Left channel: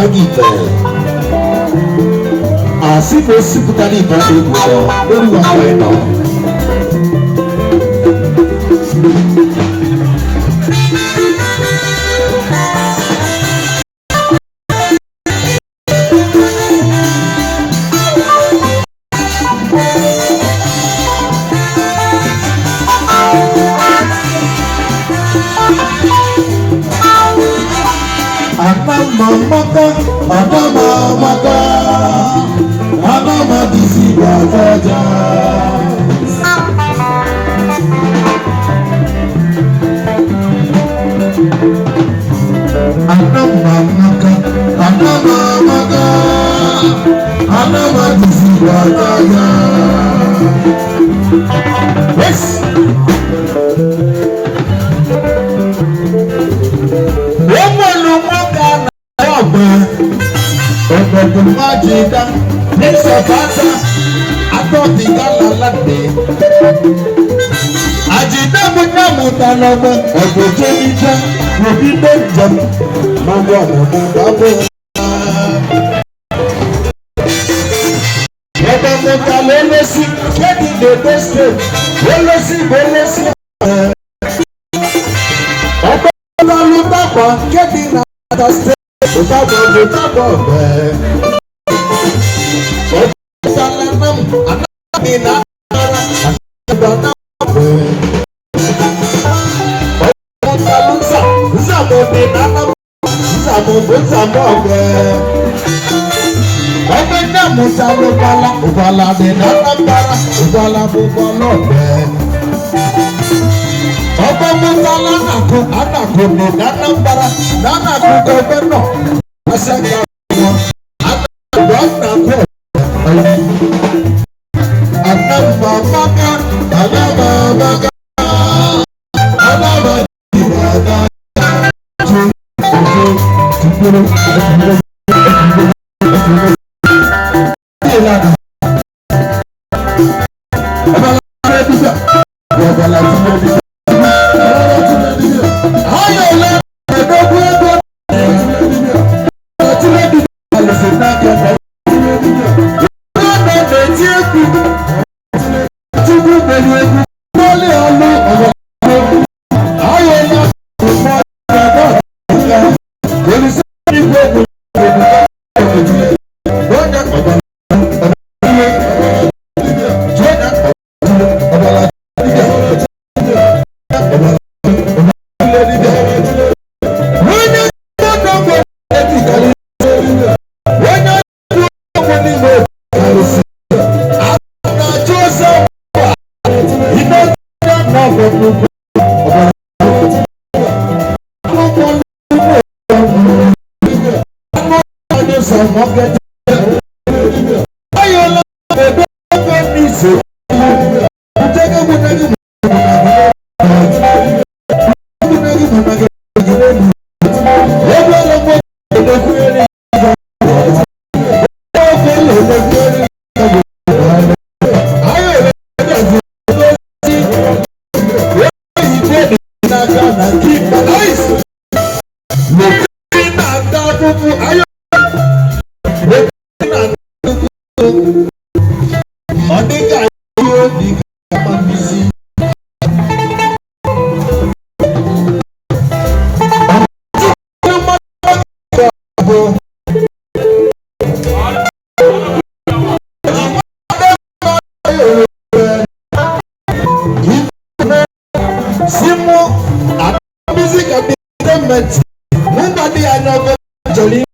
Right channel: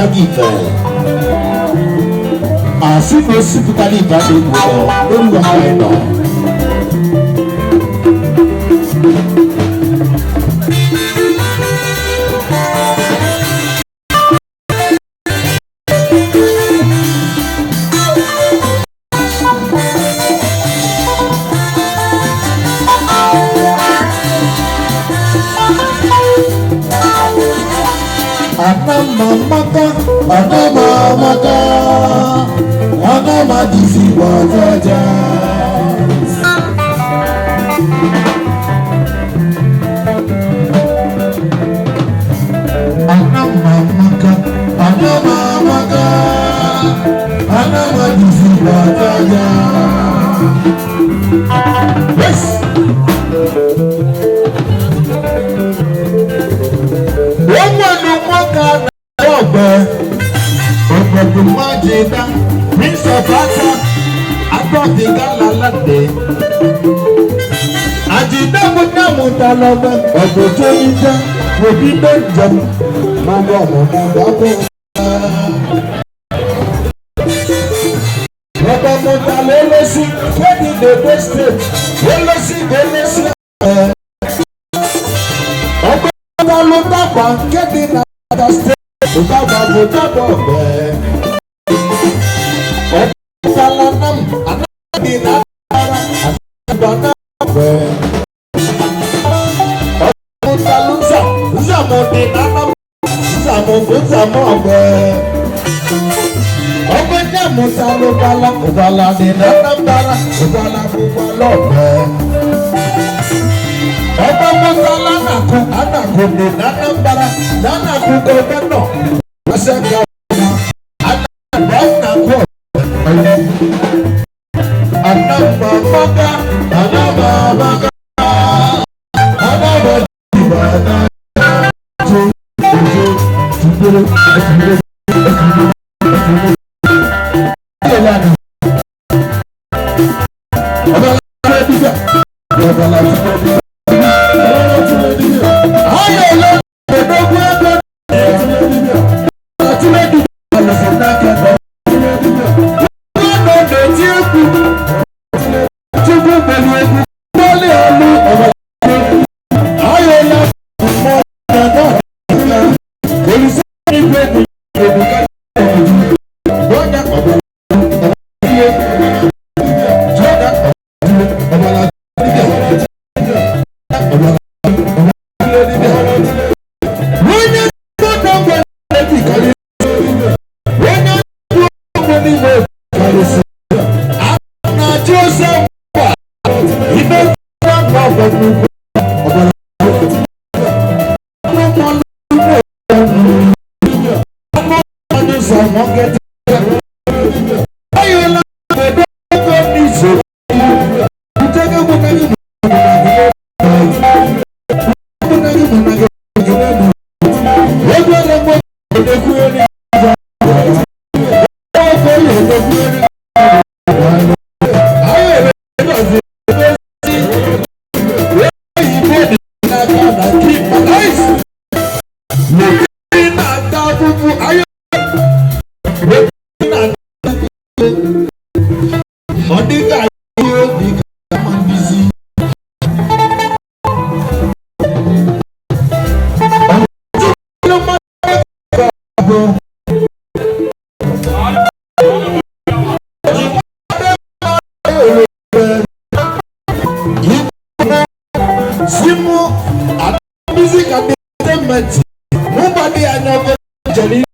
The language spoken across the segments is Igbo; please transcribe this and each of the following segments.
Tagife. Así no se puede ligar de nuevo. No lo hago. Adama disi bajaja. Adama disi bajaja. Yes. Ọ̀gbọ̀n májèdá ní sọ̀fàṣà àtọ̀tìgá lálàdé. Àjìdá mo ní àmúta lọ́gbẹ́ ọ̀gbọ̀n tó ń jẹ́ òbí méjì lórí ọ̀nà bàbá bò. Ọ̀gbọ̀n mo ta ló lọ sí kéde dèdè state ó lọ sí ọ̀rẹ́. Ọ̀gbọ̀n mo ta ló dàpọ̀ kéde nàta state. Utada utada be. Salanam anadi nara anada be. Salusa zamodi nanam zamo be. Obenya musalo bala de nanam bara ubala bubalo be. Ọba musala naku anaku ni nanam bara nanaku gọbẹnọ. Asaka wọn anaku anaku anamamaga ibada tukuru Nobody I know actually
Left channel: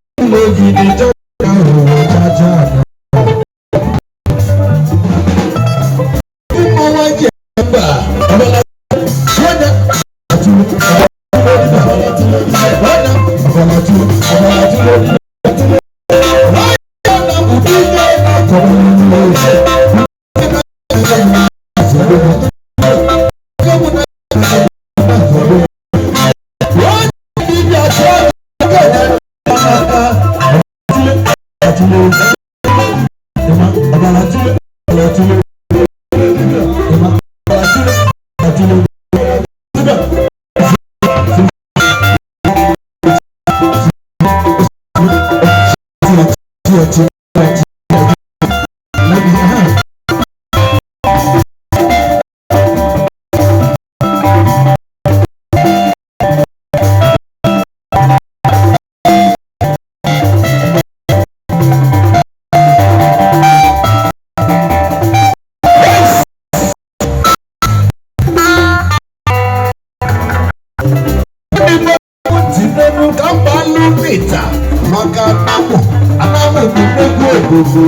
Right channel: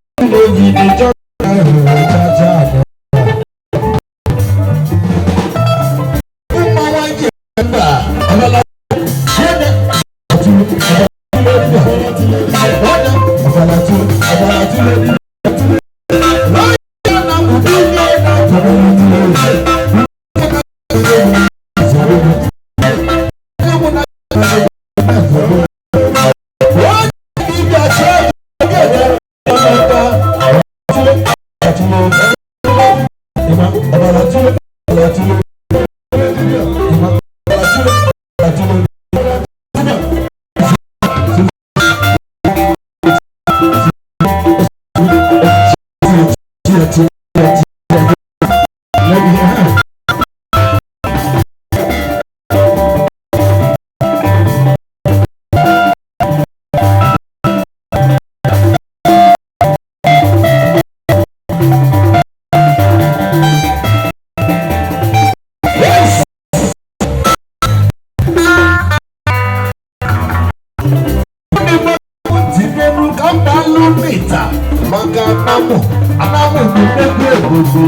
Tinenu kambali mita maka anamu gbogbo.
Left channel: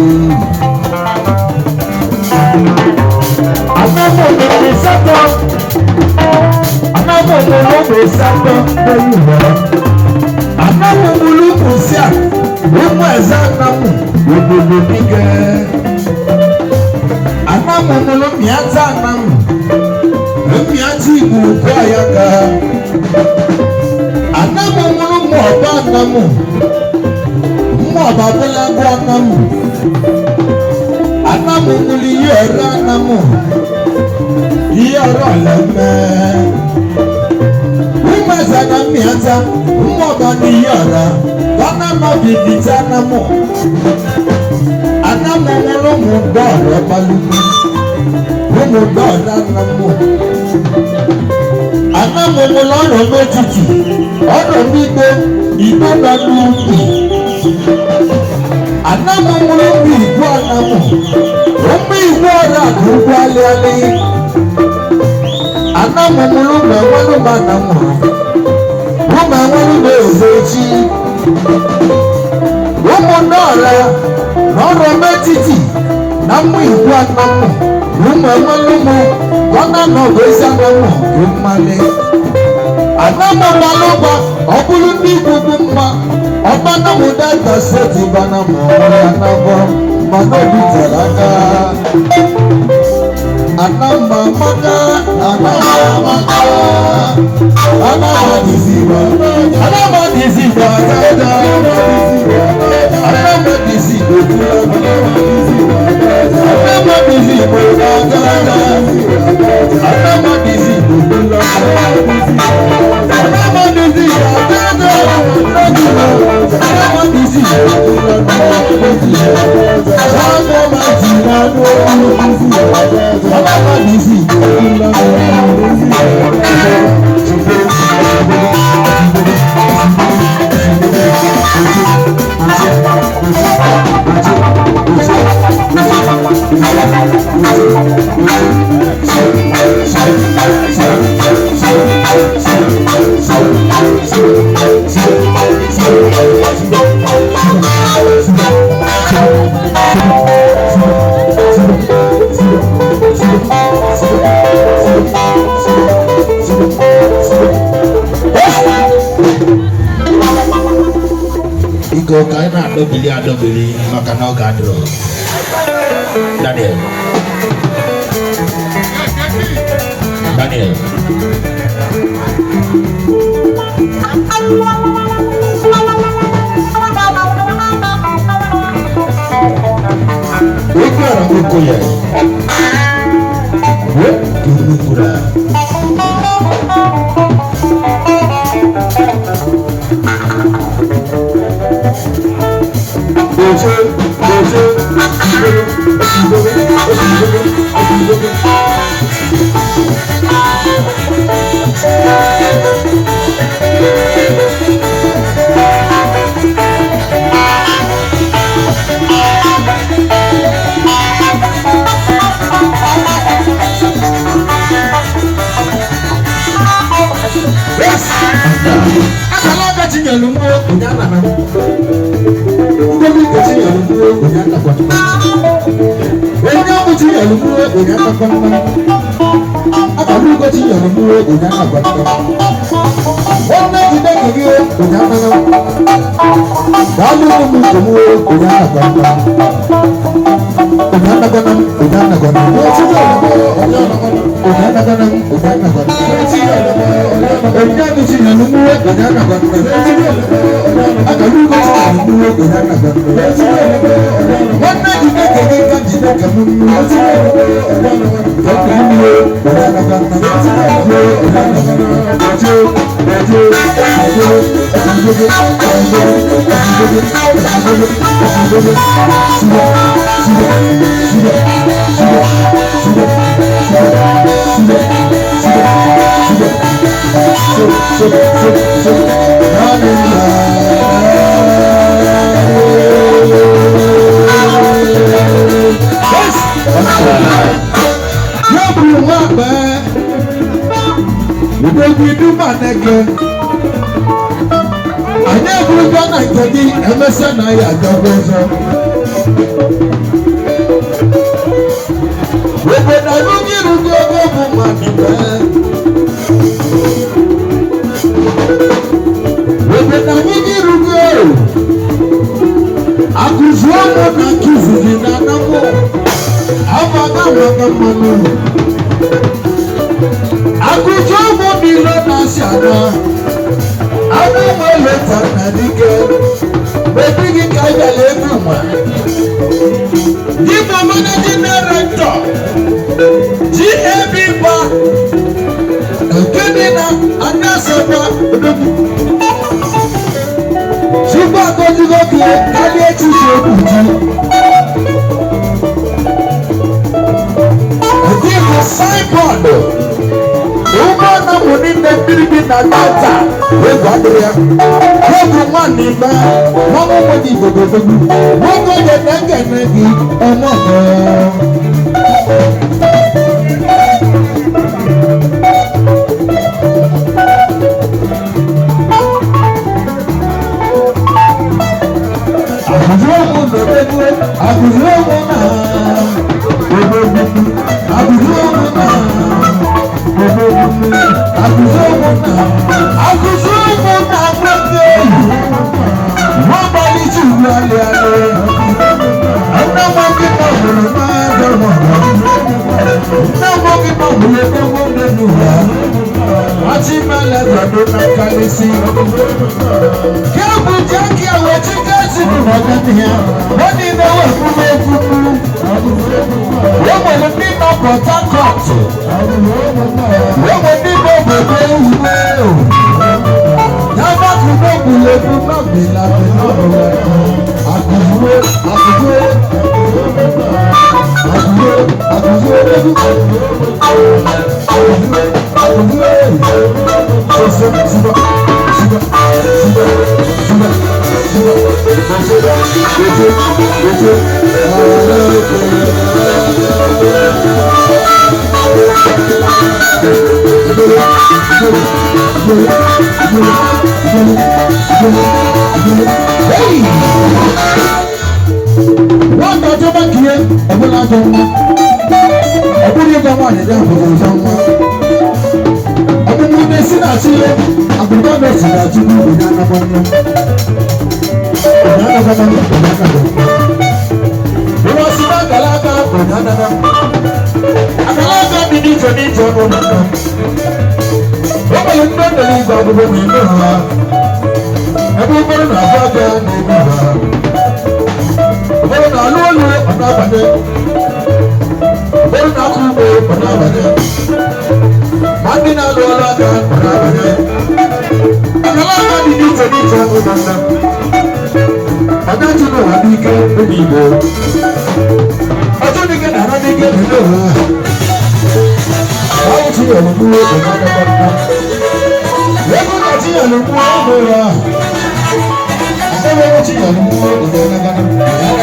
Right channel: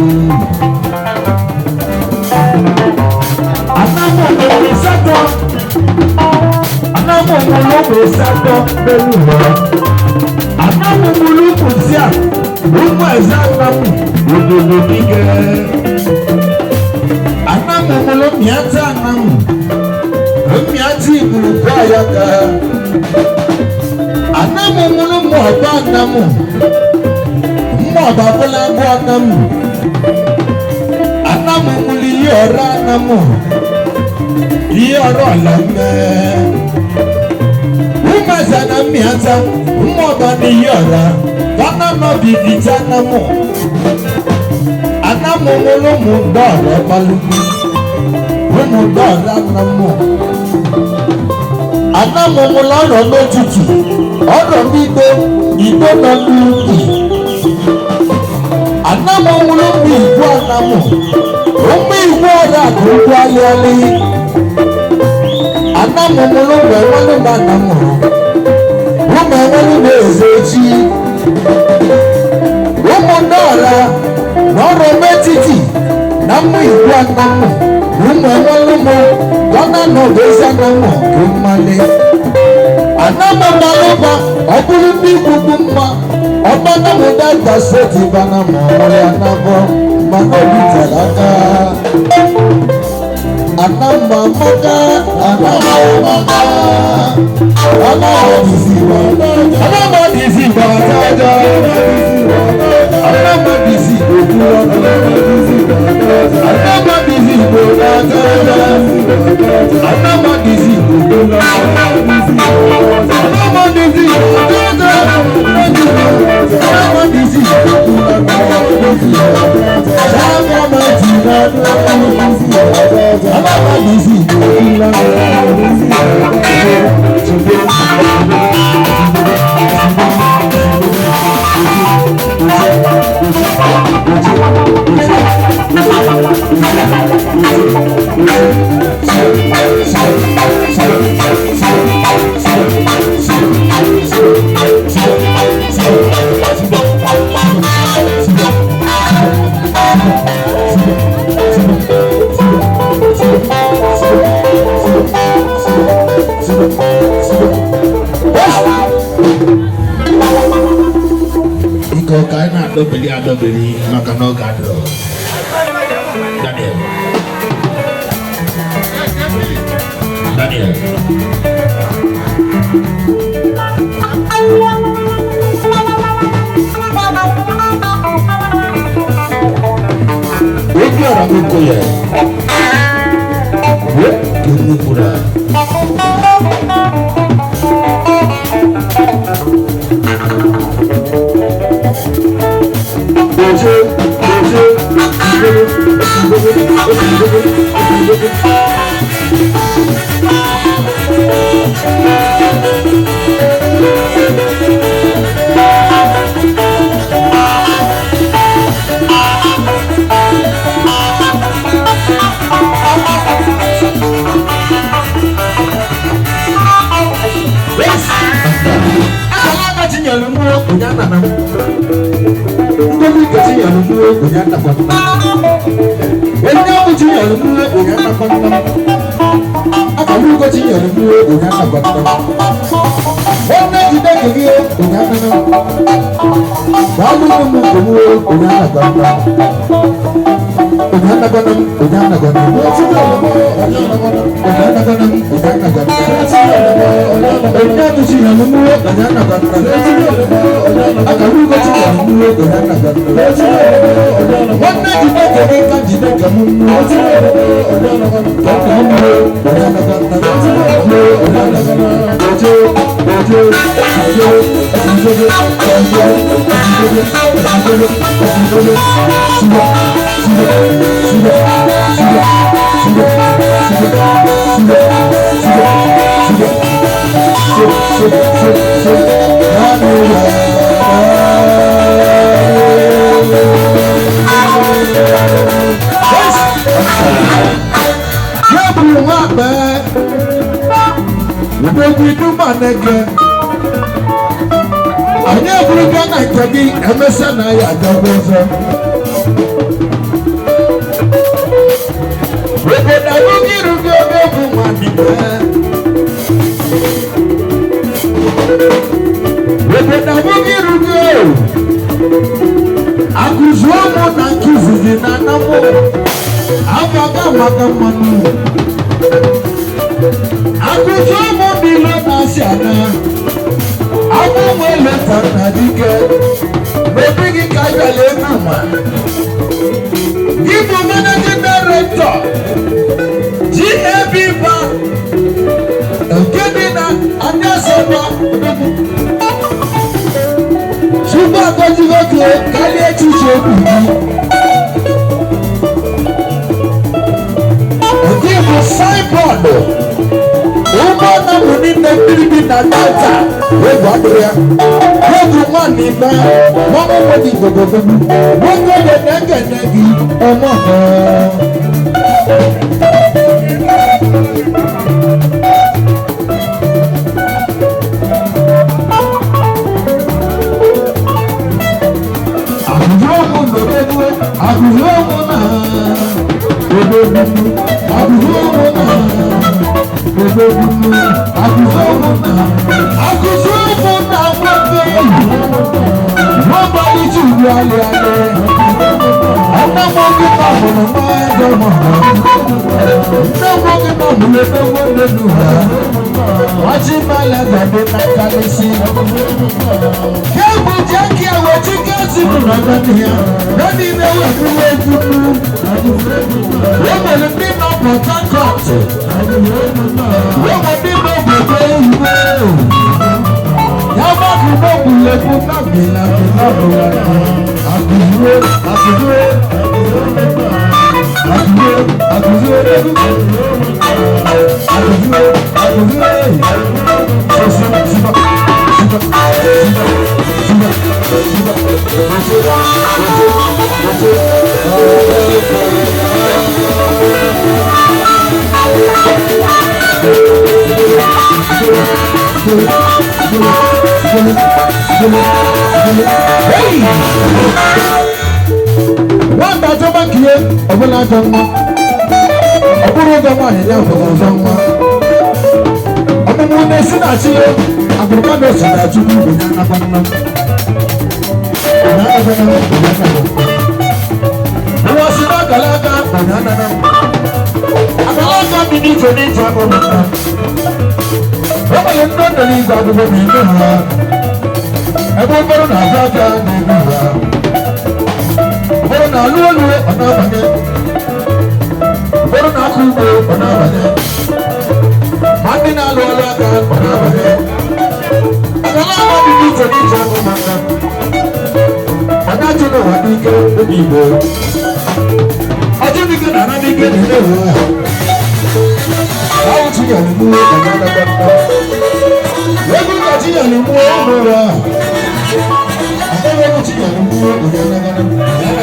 Anamu olóògbé sátọ lórí wọn. Anamu olóògbé sí à lómú ẹ̀sẹ̀ anamu ìdòdò nígẹ̀. Anamu olóògbé ata anamu lómi àti ìgbòho àyàká. Anamu olóògbé ọba anamu mú ọba bọ́lá bọ́ anamu. Anamu olóògbé yí ọ̀rọ̀ anamu. Yọrọ lẹmẹ, wúmẹsẹ náà mìíyànjá, wúmọba ní yọrọ, bánàmà bìbí tí anamu, anamu wọlọmù gbọ ọrọ balùwẹ, wọmù gbọ ọrọ anamu, anamu wọlọrọ méjìjì, ọrọ gbígbé ìgbọgbọ lùkì, anamu wọlọmù ìgbọ anamu, wọmù ìgbọ ọrọ àdúgbò alẹ́alẹ́. Anamu mulungu amanu banamu, wuma amanu bezechi, wumu nora, nora metiti, namu ibu anamu, wuma amanu mu, wana no bezi anamu kemale. Anamu maluba, okulu bigugumba, obanamu dada seti banamu, anabo, manobi talaka. Anamba maka, anamba disiba, anamba disiba, anamba disiba, anamba disiba, anamba disiba, beli makan gadro. Daniel. Ini orang itu ya. Guru pura. nege. Anya buruga na kagi emesa na ya gabozo. Webe na lungi rugo gobu manibe. Webe na lungi rugo. Akuzuomo na kizizi na namo. Amaga maga manu. Akuzuomo bilo na siana. Aku mwele tanadike. Mebigi kaya lekuma. Gipo managing director. GAB ba. Okemina Andasaba. Suba kojigoke kali echiche kuji. Gipo signboard. Uma na muninde biribi na data. Wegadria. Wedu mwani ma. Mwamu mwadi gogogogu. Mwoko de nenge negi. Emoho. Akuzuomo nodegwe. Akuzuomo na. Ogogogu. Akuzuomo na. Akuzuomo na. Akuzuomo na mwenge. Mwabali chugu ale ale. Ana mwenge na mwana mwende mwana. Na mwenge na mwende mwende nuha. Wachimala zado na kalisi. Yabu jaki ya wachikazi mwagania. Nani newe kume kuku. Wewe ni nino Port Harcourt. Wewe nino Bebe. Yaba kuno bule kuna bila bila bila. Akuzuo, akuzuo. Akuzuo, akuzuo. One that over here, Obula Joma. Obula Joma is there for Joma. Obula Nesina Chile, Abuja Nesina Chile, Banana. Who was not Galaga, Banana? Agalaga didn't finish your Banana. What are you not the league of the woman? Everybody knows that. Bọ́lá náà lóòlù ọ̀nà àbàjẹ́. Bọ́lá náà kú bò ọ̀nà àbàjẹ́. Màdí náà lọ ọlọ́gà ọ̀nà àbàjẹ́. Àgbàlá àbàdì ní ìtẹ̀lé ìtẹ̀ ọ̀nà àbàjẹ́. Ọ̀nà àjọyọ̀ wà ní ike omi ìbò. Ọjọ́ ní ike nàrá ní ike nínú ìhà. Báwo ti yẹ̀ ló mú ọ̀nà àbàjẹ́? Lẹ́kùn kàtí yẹ̀ ló mú ọ̀nà rà. Àbẹ̀wò ti yẹ̀ ló mú ọ̀nà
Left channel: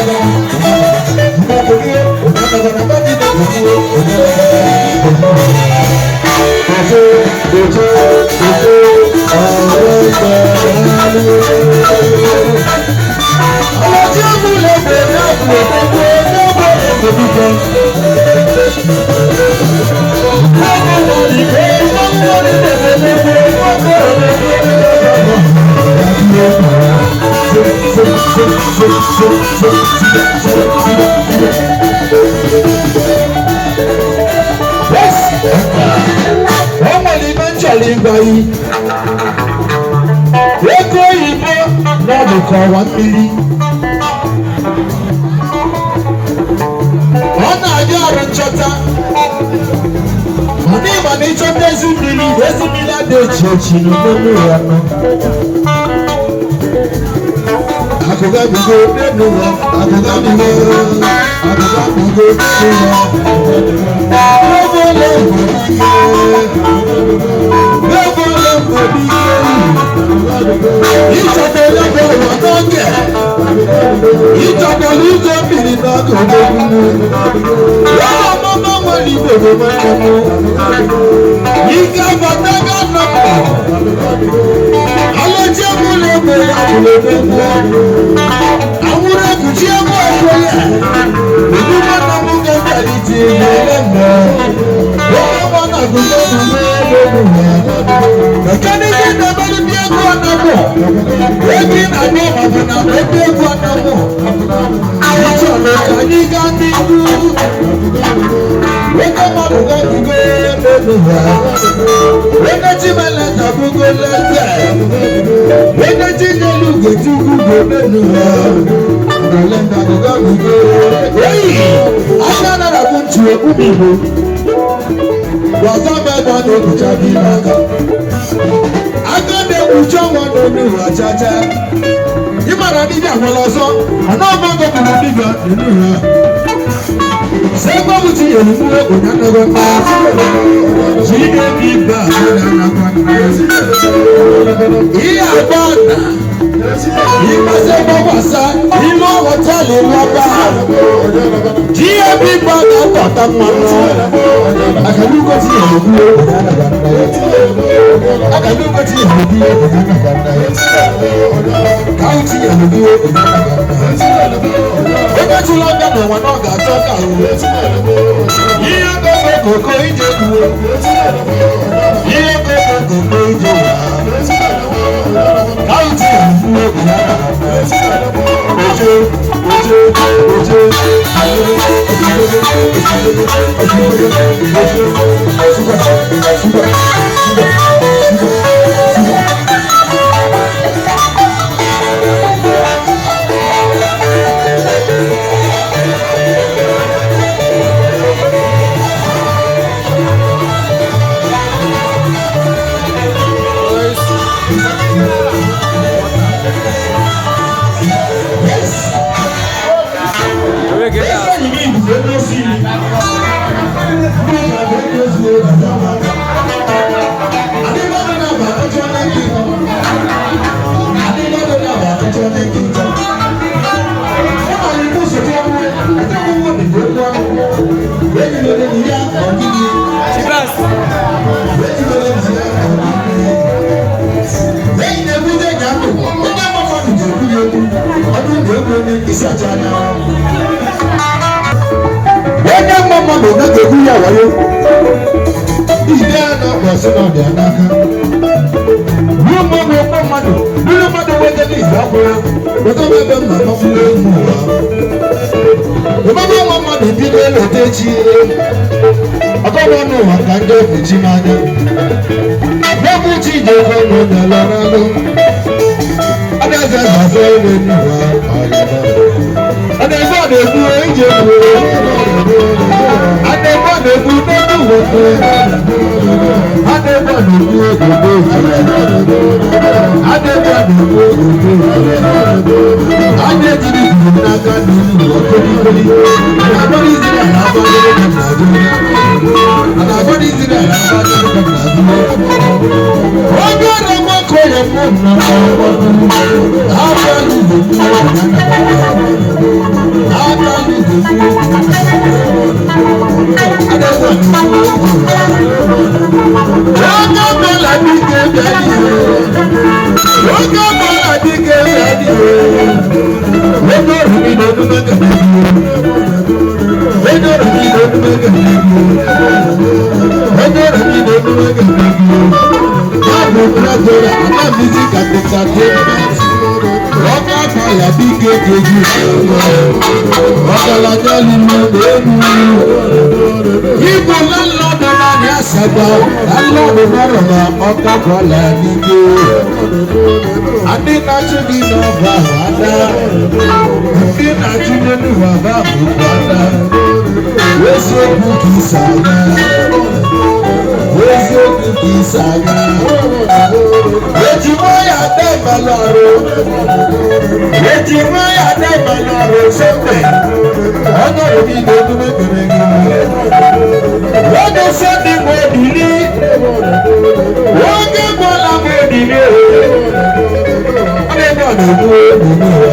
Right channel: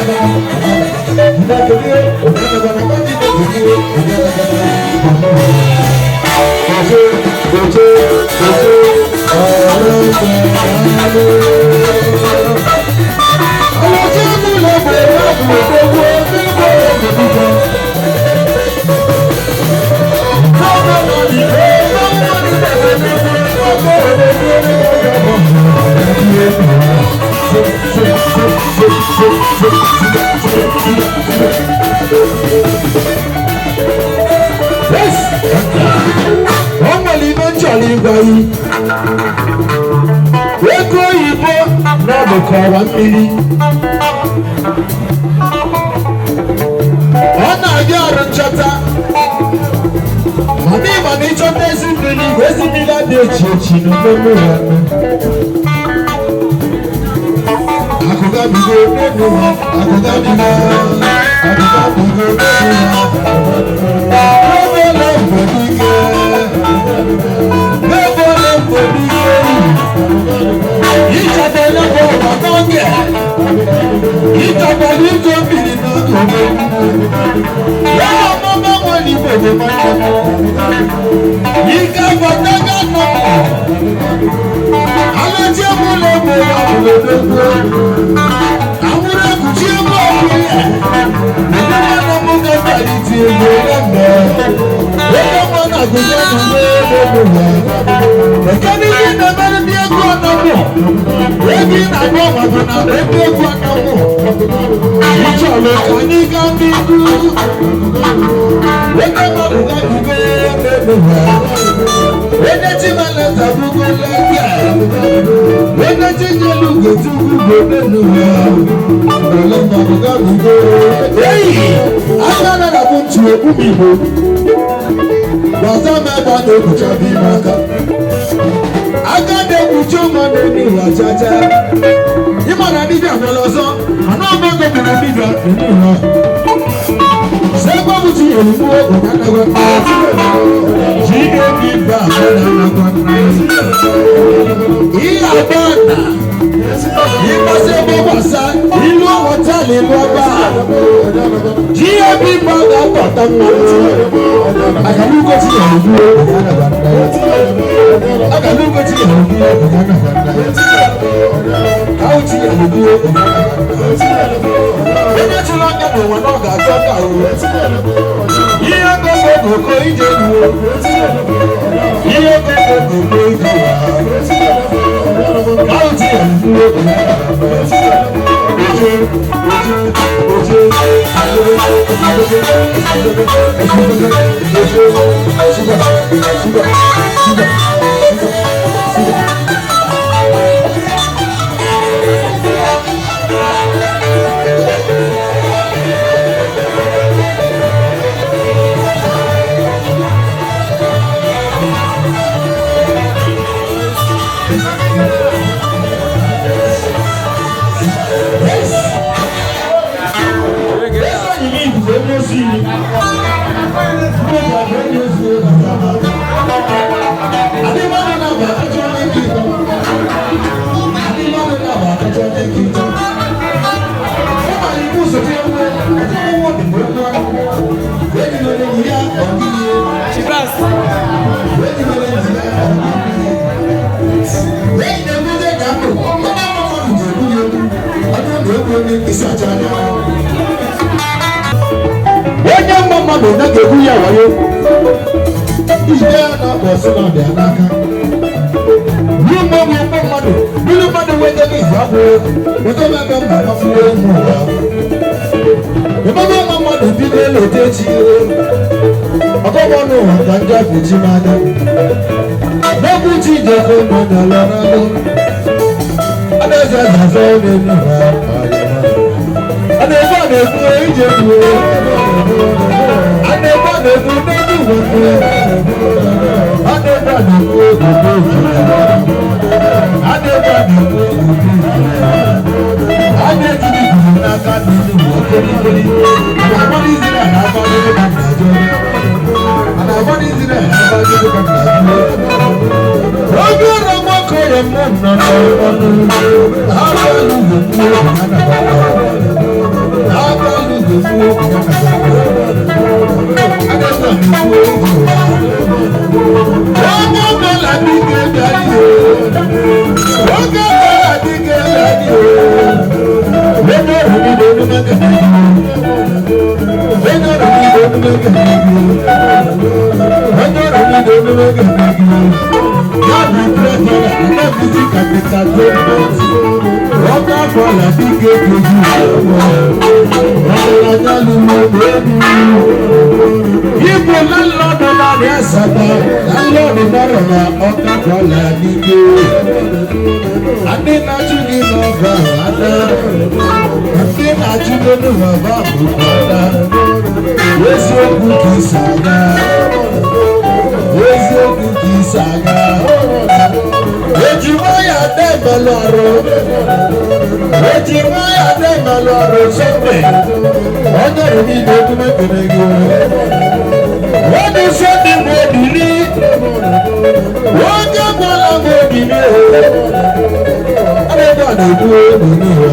wọ́n mọ̀ ní mẹ́jọ̀lì gbàyí. Ego òyìnbó náà lè kọ́ wa mmiri. Wọ́n na-adị ọrụ nchọta. Ọ na-ịma na ịchọta ezi mmiri adị echi echi n'omume ya nọ. Akụkọ bido n'elu ya, akụkọ bido, akụkọ bido n'elu ya. N'ebole mgbedike, n'ebole mgbedike. Ịchọta elebe ụwa n'oge. Ịchọta n'ịchọ mmiri n'akụkụ mmiri. Ya na mama nwere ibe ebe mmadụ. Ike abata ga-anọ. Alẹ́jẹ́ mú lè bẹ̀rẹ̀ àbúrò gbogbo. Àwọn ẹkùnjẹ́ mú ọ̀pọ̀ yẹn. Èmi máa ń mú bẹ́ẹ̀ ní ti ìlú ọlọ́mọ. Lọ́wọ́ mọ́ náà kò sọ́dún ní ẹgbẹ̀rún rẹ̀. Ẹ̀kẹ́ ní kí n nàbẹ́ ní bí ẹgbẹ́ ọ̀nà mọ̀. Ebi na bọ́ bàbá náà ẹgbẹ́ ẹgbẹ́ ọ̀nà mọ̀. Ìjọba ìka ní ká ní kú. Wọ́n mọ̀ kó wọ́n ti gbé ẹgbẹ̀rún rẹ̀. Wọ́n ti mẹ́lẹ̀ tàbí kó lẹ́gbẹ̀ẹ́. Wọ́n ti yẹ lùgò tí kú gbẹ̀rún rẹ̀. Ìgbàlẹ̀ tàbí ká mi gbé. Agbára rẹ̀ kò tù ẹkú mi bò. Wàtá bẹ́ẹ̀ ká ní òkúta bí nàkà. Agade kujo mwana nuru achacha. Imana nija kwaloso. Anabonge tena nija nuru. Sema mti elimu unana kwa jine kiba unana kwa iya bana. Ikasema wasa ilo hoteli mwaba. Jie biba gata mwana. Akamuko ti elimu unana kwa Akaluko ti elimu unana kwa Kauti elimu unana kwa Oba chula kama wanoga toka uwe Iye koko koko ije uwe Iye koko koko ije uwe Kauti elimu unana kwa Wọ́n mọ̀ mọ̀ lọ́nà gbẹ̀gbẹ̀ yà wáyé. Ìṣẹ́ náà bọ̀ sínú ọ̀dẹ̀ ànáká. Wọ́n mọ̀ mọ̀ mọ̀ mọ̀dù. Lórí mọ̀dù wọ́n jẹ́ bí ìgbà fún ẹ. Lọ́jọ́ bá bẹ̀ mọ̀ fún ẹ mú wa. Bàbá bá mọ̀ mọ̀dù bí lé lòdì jí. Ọkọ̀ wọn ní wà gánjá fún jí máa ní. Bẹ́ẹ̀ni jí ìjà fún ọ̀nà lọ́rọ́ lọ. Adẹ́sẹ̀ sàṣọ́ lé nígbà ayé náà. Adẹ́sẹ̀ àdékù ẹ̀jẹ̀ kú. Adébọ̀dé kú nínú gbogbo. Adébọ̀dé kú òdòdó ìjìnlẹ̀. Adébọ̀dé kú òdòdó ìjìnlẹ̀. Adéjìlì kùn n'aka nínú ọ̀kẹ́lẹ́kẹ́lẹ́. Àdàbọ̀dé ìzìlẹ̀ àbájọ́ ló kàn nàájú. Àdàbọ̀dé ìzìlẹ̀ àbájọ́ ló kàn nàájú. Wọ́n gbé ọ̀rọ̀ mọ́kọ́ yẹn mọ́ nàá ọdún. Ábàlù lè kú òdòdó. Ábàlù lè kú òdòdó. Ibo lálọ́dún láti ẹ̀sẹ̀gbà lálọ́dún lọ́rọ̀mọ́ ọ̀tọ̀gbọ̀lá nígbè. Adínájú ní bàbá àdá. Adínájú nínú bàbá àbùkù àdá. Wéṣí òkú kì í sàgá. Wéṣí òkú kì í sàgá. Èjì mọ́yà dá ìbẹ̀lọ́rọ̀. Èjì mọ́yà dá ìbẹ̀lọ́rọ̀ sọ́pẹ̀. Ọjọ́ ìbí ni ọdún mẹ́kẹ̀rẹ́ gẹ́gẹ́. Wọ́n ní sẹ́ni mo dìrí. Wọ́n gé bọ́lá mo dìrí o. Ọlọ́gbà ló mú èmi ní ọ̀.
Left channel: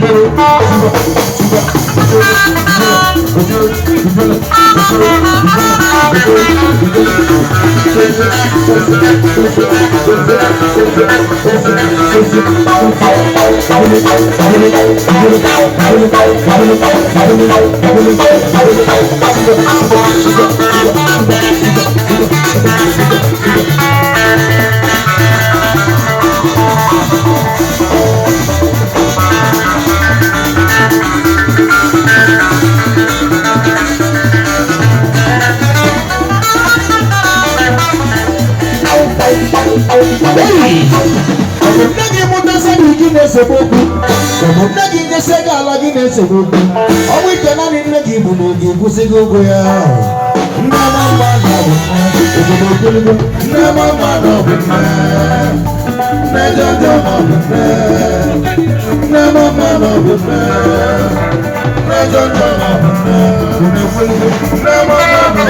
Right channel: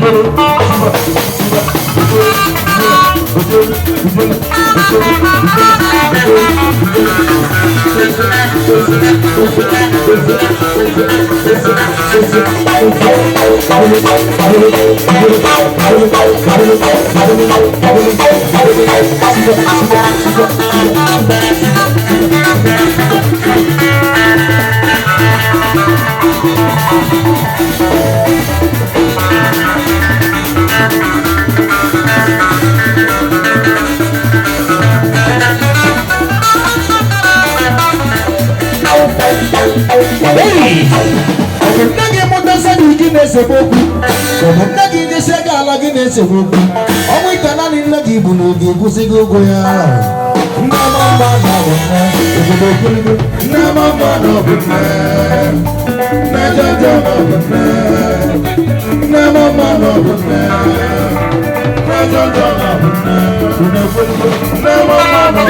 Thank you. Nagi mutasa gine seboku, como nagi ngesega lagi neseboku. Awi kanani nagi bunugi busigogo ya. Nama mana bune, nama mana bune, najaja bune, nama mana bune, najaja bune, nama mana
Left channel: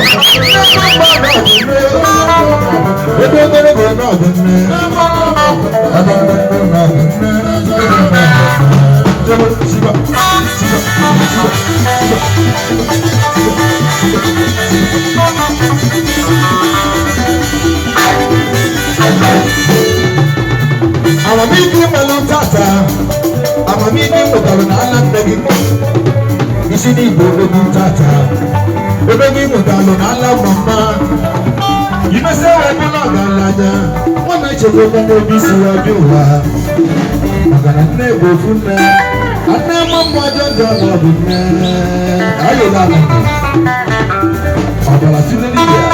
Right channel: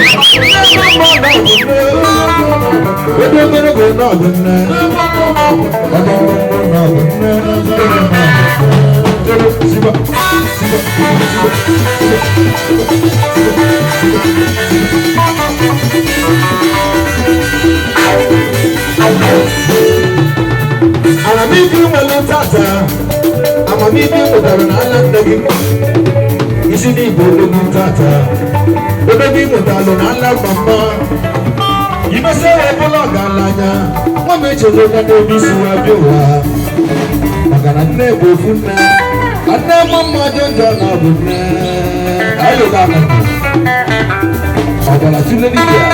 Amamibi malotata, amamibi mutalona ndegi, isini bodogi tata, bodogi mutalona la mama. Imese wabula galanya, wameche wabende bisi wabiwa. Magana nebo funne, ane mama jonjo na bunne. Ayo mama, abala sile liya.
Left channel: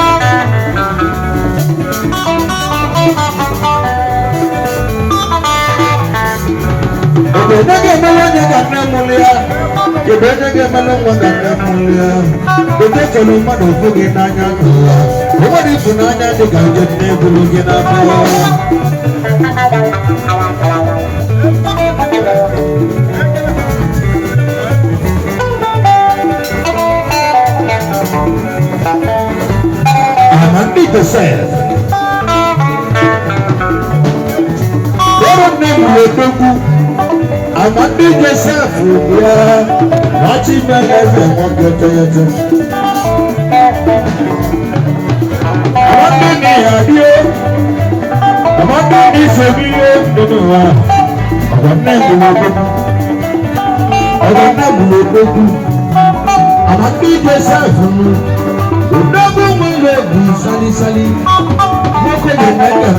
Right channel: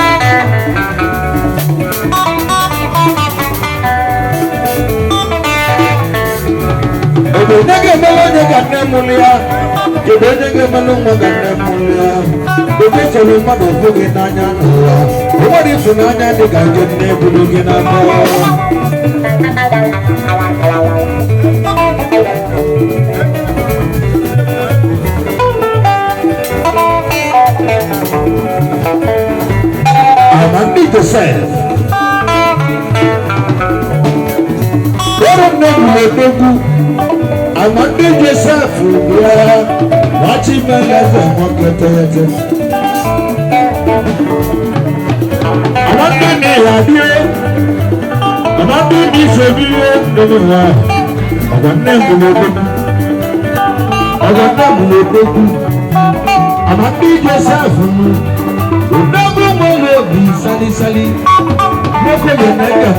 Nege melo nege nemulia, kebe nege melo mwaga nemulia. Kebe chelo mado fuge nanya nua, kebe funanya diga jene bulugi nanya. Amandi Joseph, Doro nemulia toku. Amandi Joseph, yeah, not even as a monkey. Amandi Nihabio, Amandi Nisabio, Noah, Amandi Joseph, who never will be Sally, never the night of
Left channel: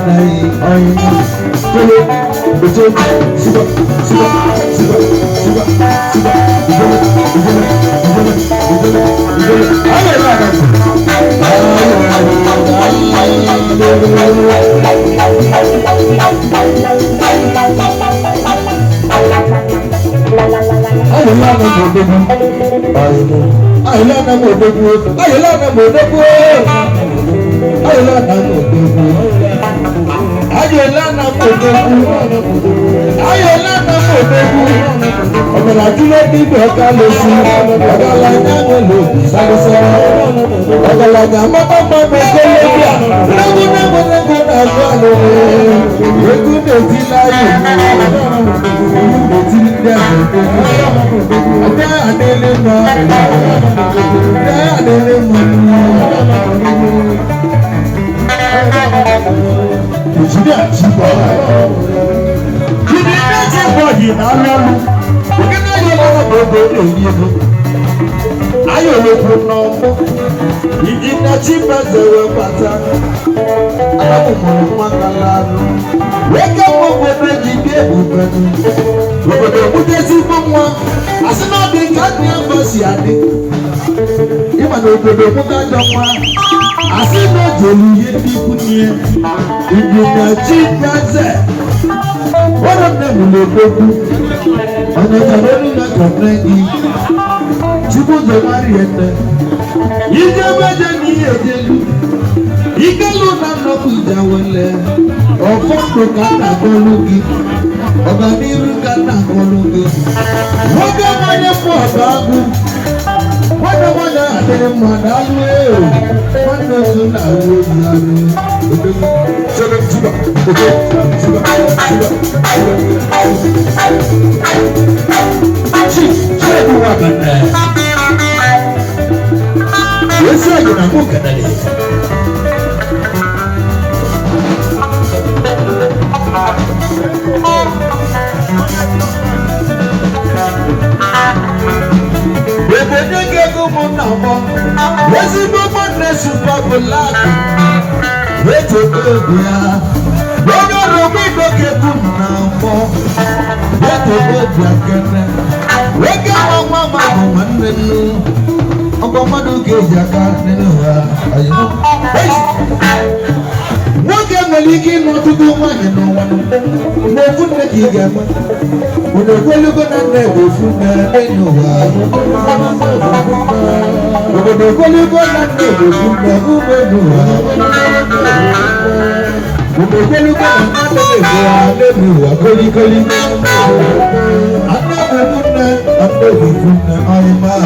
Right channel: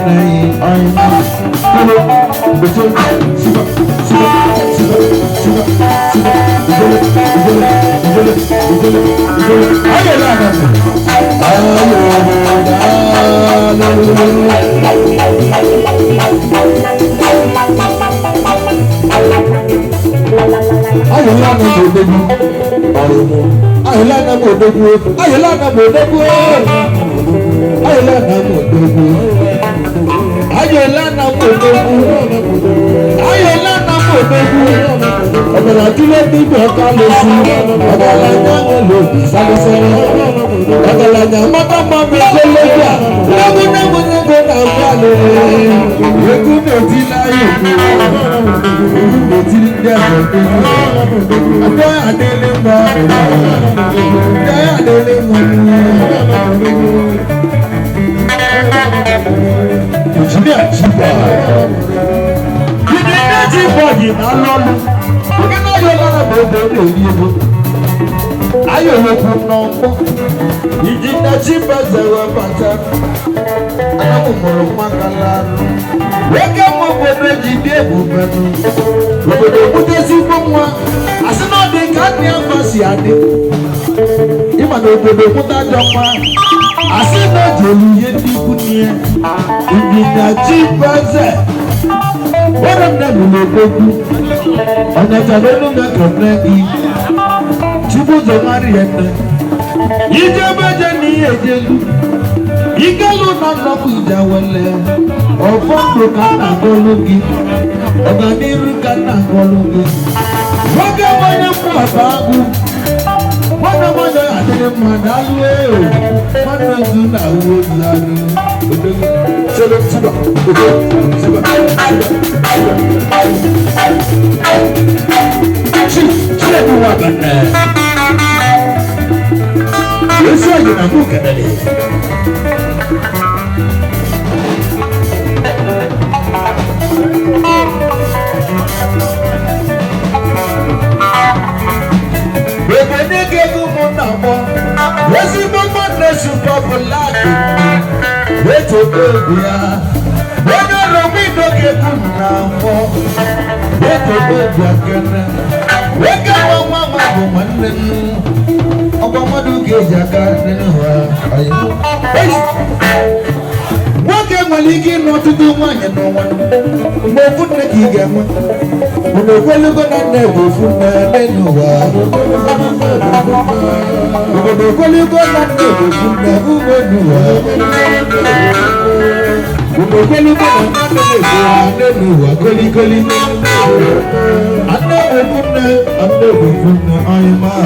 Yesu ajina muka dali. Bebe ke gumo namo. Yesu gumo nesu papulaki. Yesu bebia. Wena romi doke gumo namo. Yesu bebia kena. Weka mama gumo nenu. Ọgbọ́mọdé kejì aka nínú ha àyẹ̀wò. Wọ́n kẹ́ mọ̀lì kí n lọ tuntun wọn yẹn nọ wọn. Mo fún mi kì í gẹ̀ mọ́. Mo lè gbẹ́lúgbẹ́ náà nà èbò fún mi nínú wa. Mo lè gbẹ́lúgbẹ́ náà nà èbò fún mi nínú wa. Mo lè gbẹ́lúgbẹ́ náà nà èbò wa nínú wa kọ́líkọ́lí. Anáwó fún mi, anáwó fún mi, ayé máa.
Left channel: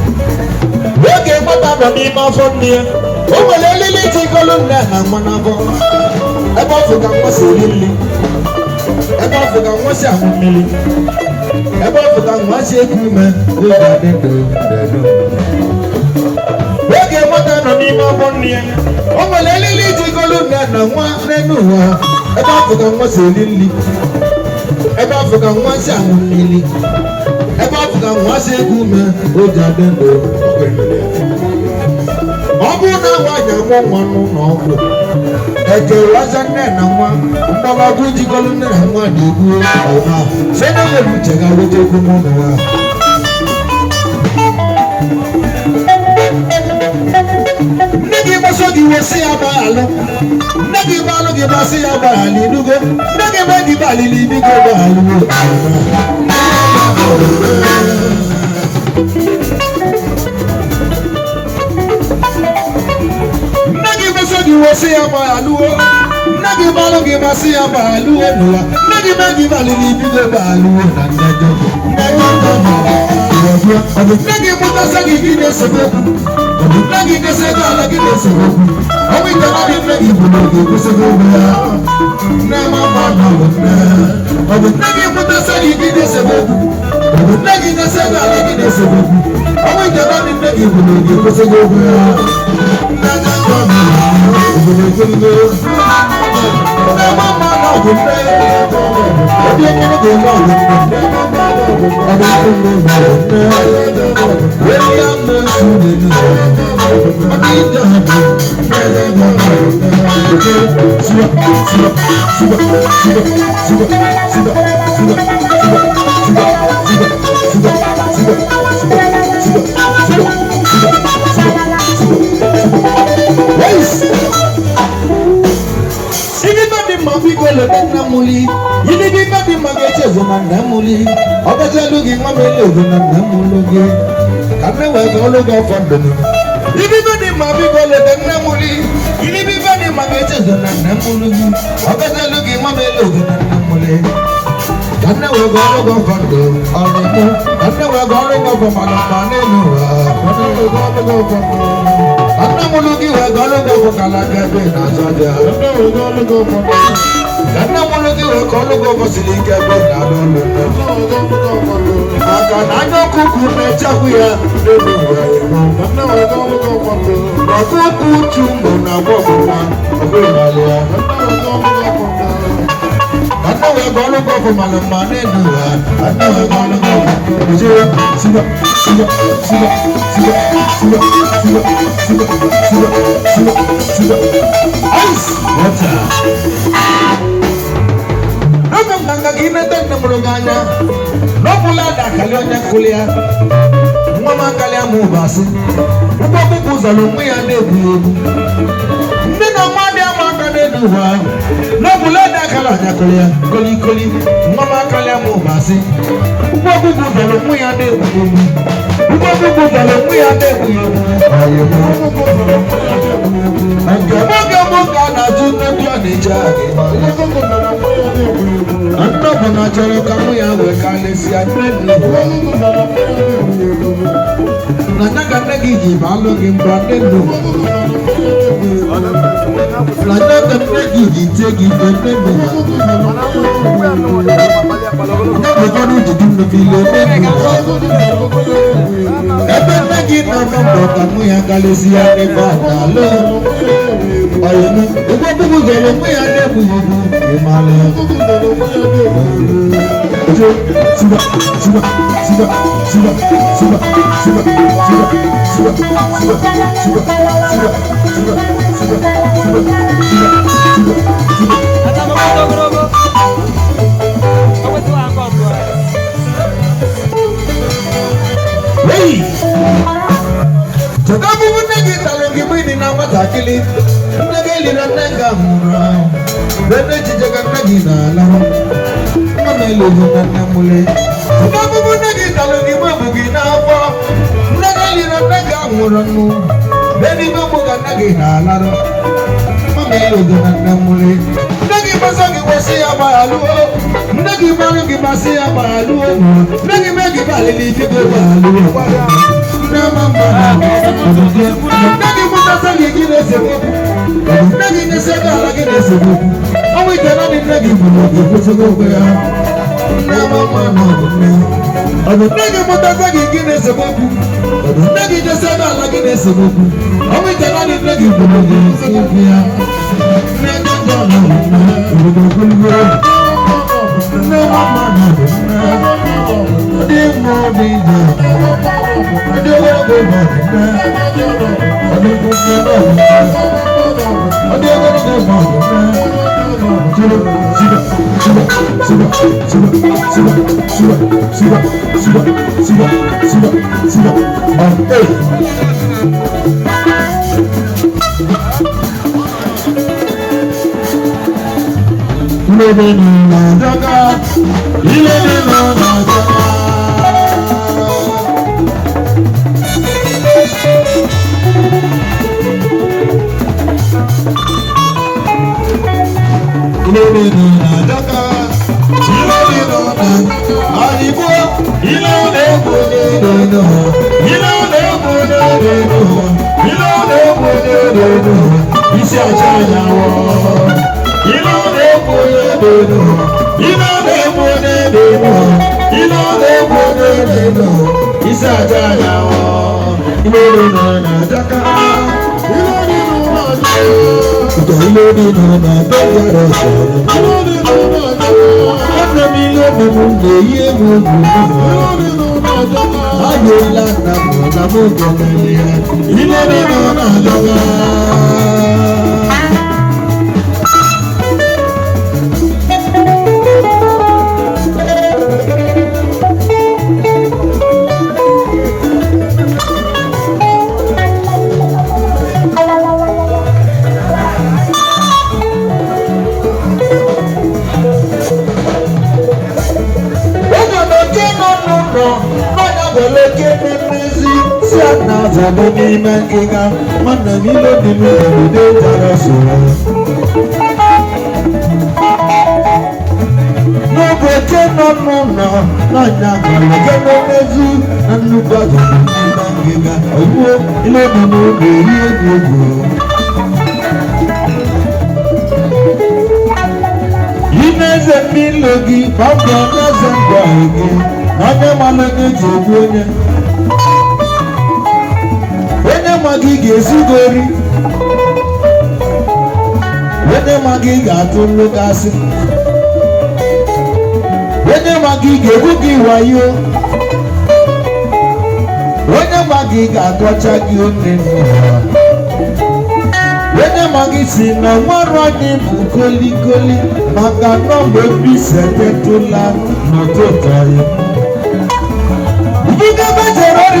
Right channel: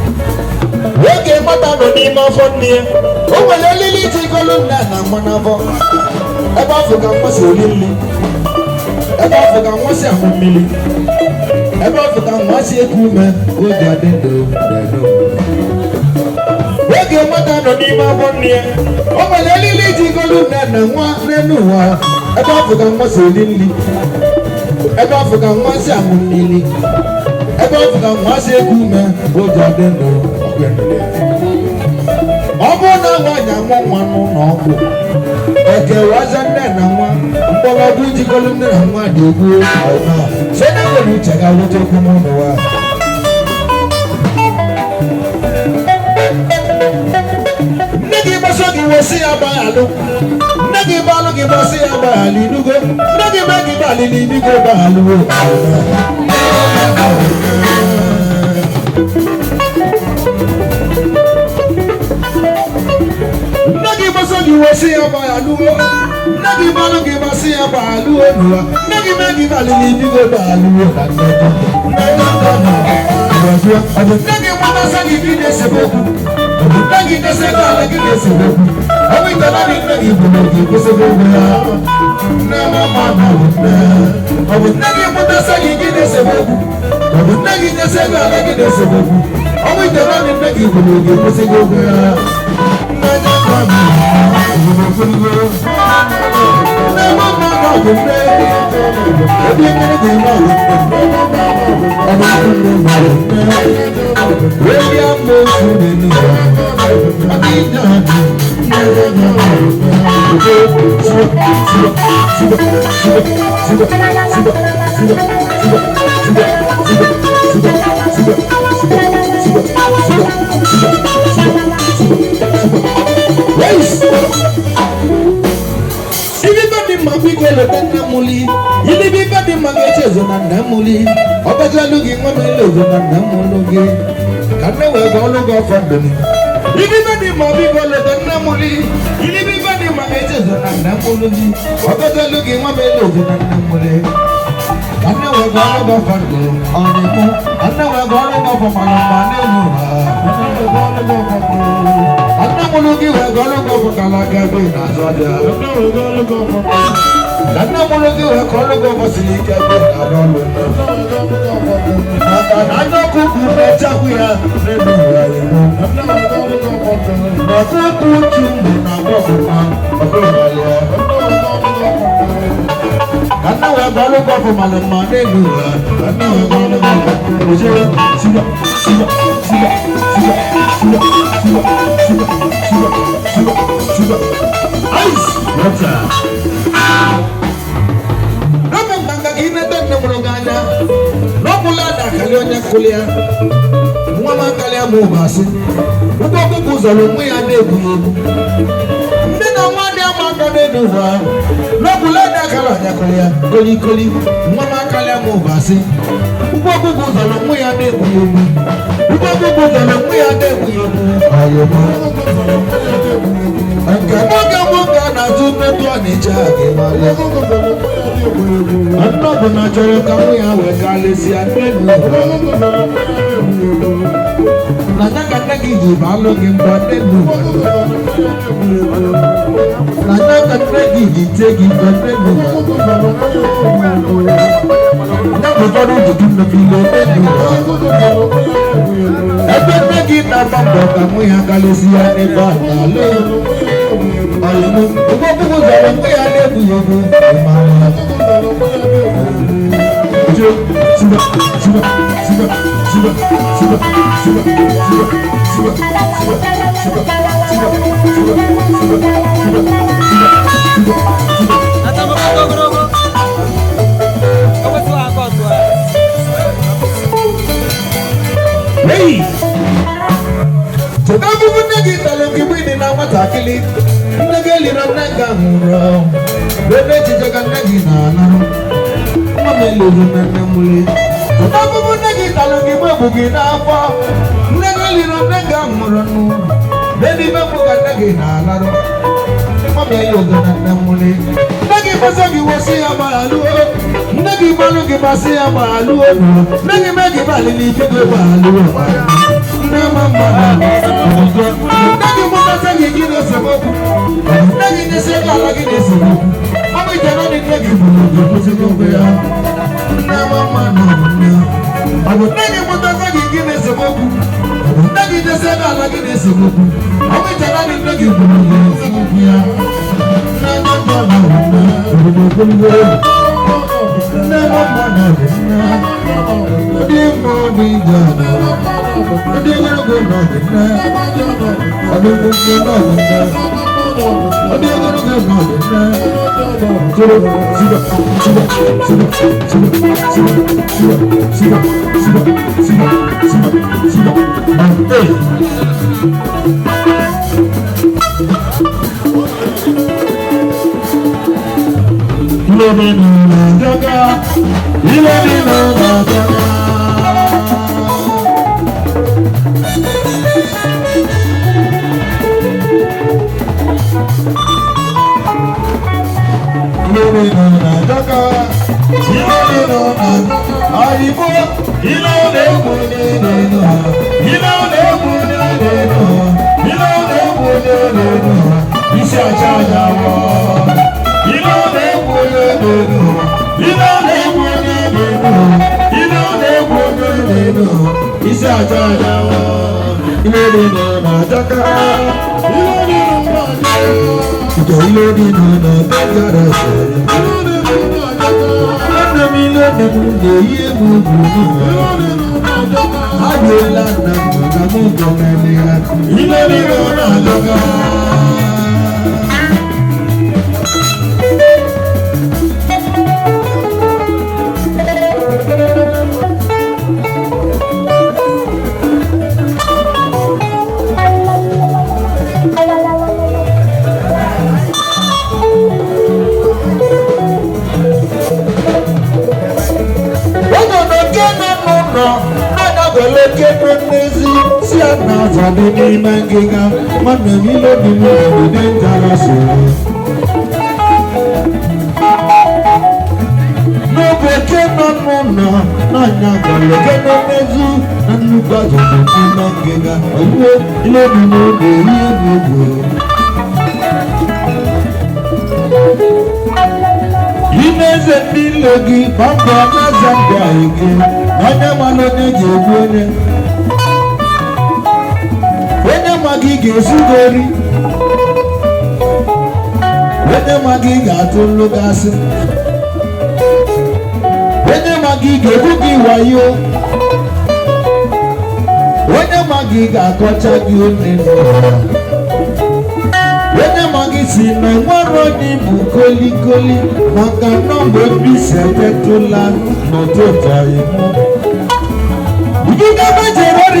Woke mata no ni ma fo ni o mo le lili ti kolu na na mana fo e ba fo ka mo se lili e ba fo ka mo se amumili e ba fo ka mo se ku me o ga de do woke mata no ni ma fo ni o mo le lili ti kolu na na wa nenu wa e ba fo ka mo se lili e ba fo ka mo se amumili ebe ọ fụga nwa si egwu ume o ji adị ndụ ọ bụrụ na nwaanyị amụ nwa n'ụlọ ọgwụ ekewaza nne na nwa mkpọrọgwụ ijikọrọ nne na nwa dị egwu site nwere uche ga weta okwu n'ụlọ wa nne gị gbasa gị wesi ya gbaghalụ nne gị gbalụ gị gbasị ya gbaghalụ inugo nne gị mee gị gbalịlị ibigo gbaghalụwo Nagi masogi wasi abaluo, nagi balongi basi abaluo nuwa, nagi magi balili bigo baluo nagi mutasagi kine sebeku, nagi kasega lagi sebeku, awi tanani nagi bunogi kusebeku ya, nama mama wuna, nagi mutasagi kine sebeku. Nagi nasega lagi nesebuku, awi tanani nagi bunogi kusebeku ya. Ini biba di magace zona namuli, abaja lugi mamele zona namulugi, karena wagolo go fandani. Ini biba di mabi golo namuli, ini biba di magace zona namulugi, abaja lugi mamele zona namuli, karena wagolo go fando, anamu, karena wagolo go pamane nuwa, karena mulugi wagolo go pakalaga be nazaja, karena wagolo go Karena mulugi we kono go basilika go na dolo. Maka nando kuku na chakuya nebu wa eno. Karena we kono go kono. Maka kuku na bobo na obewalia. Karena we kono go for malama nebu wa. Karena we kono go ujira siba siba siba siba siba siba siba siba siba siba. Ice. What's up? Ina dan mulunganya, no pula dah kalian yang kuliah. mama kalia mu basi uko bubu zolo mu ya nebu ebu ndina mani amaka nebu wa no bulada kala jakolia koli koli mama kalia mu basi uko bubu zolo mu ya nebu ebu uko bubu zolo mu ya nebu ebu ayo mo anga moga na junne to anija ke male anna bana joro kamu ya we kale si anenu nana kana giji balo ke mbande nu nana kana giji tegi mbande nu nana kana giji no bile nu nana giji na mambo kamu ya kale si aneba dale ayenu ugo bugo jalo ke ade bugo imale Suba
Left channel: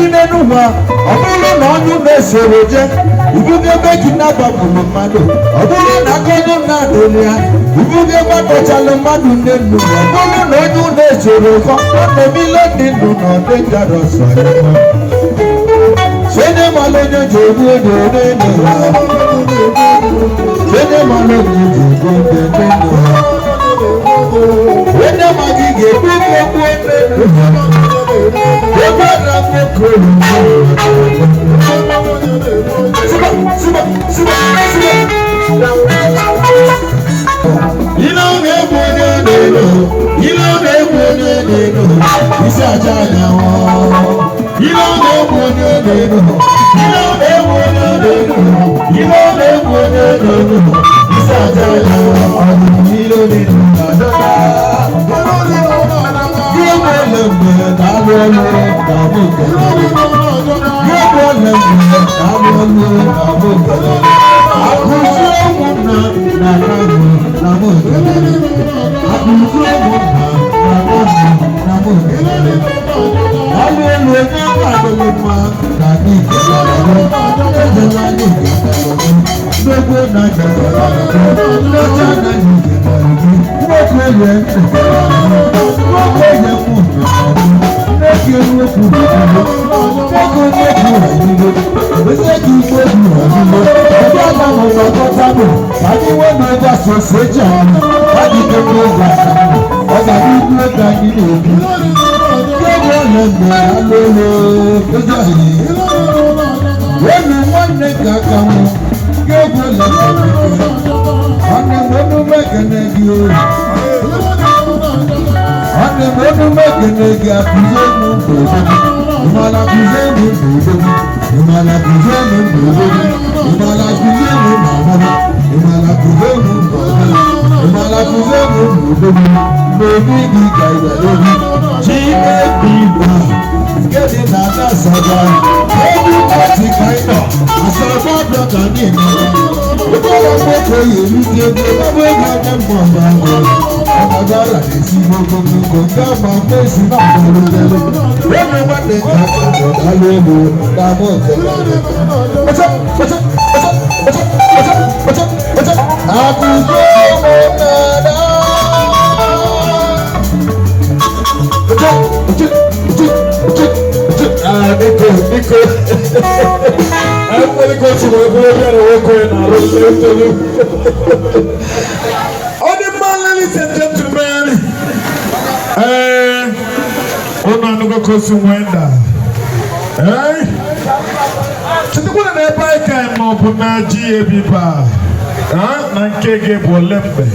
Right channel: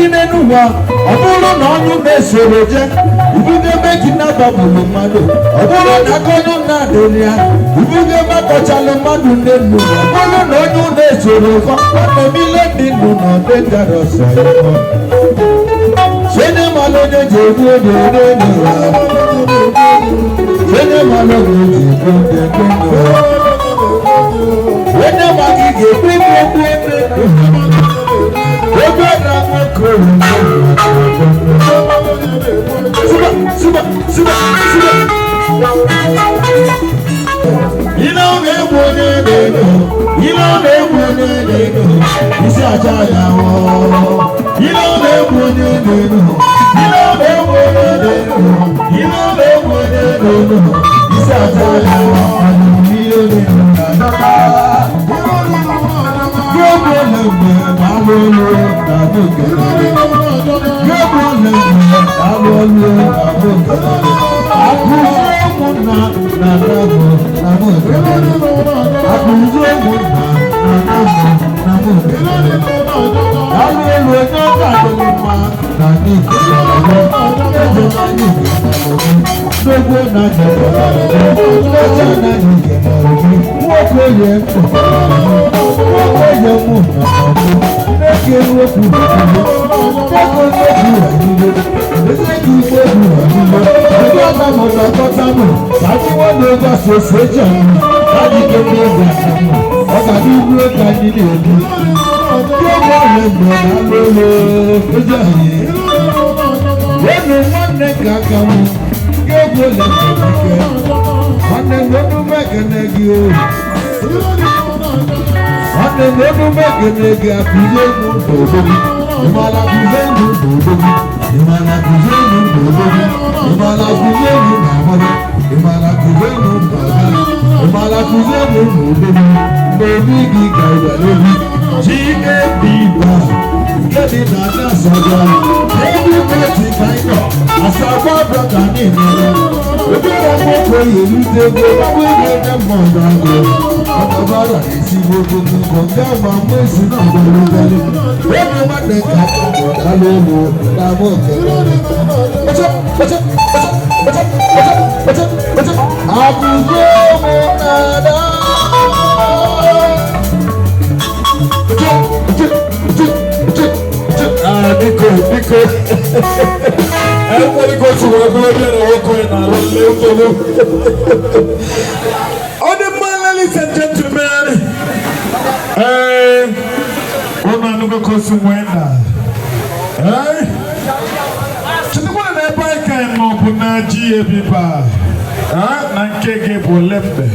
gị n'ụwa ọ bụrụ na ọnụ na-esoro je ibuge ebe ji na-agbapụrụ mmadụ ọ bụrụ na aka onye na-adịrị ya ibuge ebe akpọchala mmadụ n'elu ọ bụrụ na onye na-esoro kọ ọ na-emile ndị ndụ na ọdị gara ọsọ sene malonye ji egbu ebe n'ụwa sene malonye ji egbu ebe n'ụwa sene magi ga-egbu egbu ebe n'ụwa ebe na nwoke ile ọ na-egbu onye na-ego ile ọ na-egbu onye na-ego isi aja ya ile ọ na-egbu onye na-ego ile ọ na-egbu onye na-ego ile ọ na-egbu onye na-ego isi aja ya ọdụm ile olelu na adọta gịbụ olemgbe na-alụ olu na abụ kelere gịbụ olemgbe na-alụ olu na abụ kelere akụzi ụmụnna na agagụ na abụ kelere akụzi ụmụnna na agagụ na abụ kelere alụ elu onye ọrụ adịghị mma na adị kelere eze nwanyị kelere nnukwu na kelere nlecha anaghị kelere gị nwoke ye ntị nwoke ye mụ na ọbụ nneke nwoke nneke nneke ya niile nneke nneke ya niile ebe ọ na-amụ gbakọta mụ ka ndị nwanne ego asụsụ eji ahụ adịghị mma ịgwa asamụ ọ ga-abụ igbu ego anyị na-ebi gịnị ọrịa mgbe na-alụ ụlọ ezi anyị enu nwanne ka aka mụ ga-egwu ụlọ ike nwanne m emume ekene gị o nwanne m emume ekene gị akụzie m ndụ obodo ịmala kụzie m ndụ obodo ịmala kụzie m ndụ obodo ịmala kụzie m na amara ịmala kụzie m ndụ obodo ịmala kụzie m ndụ obodo n'obi gị ka ịdalehi ji ebi ba nke dị na ana asaba ebu pati ka ị nọ asaba bịa ka anyị nọ ụdara mmadụ ga-erute ebe ọgbọ ego onye mmadụ ahụ ọgbara na-esi ogo nnukwu nke ama mmezu na-adọrọdere ebe nwanne ka alụ elu na ama okelere akụzie ụmụnnada Nico. Everybody go to work, go there and walk on ladies and gentlemen. Ona nuko kosumwenda. Chitukuwa na epaika imo kuna GAB ba. Na nkege bolembe.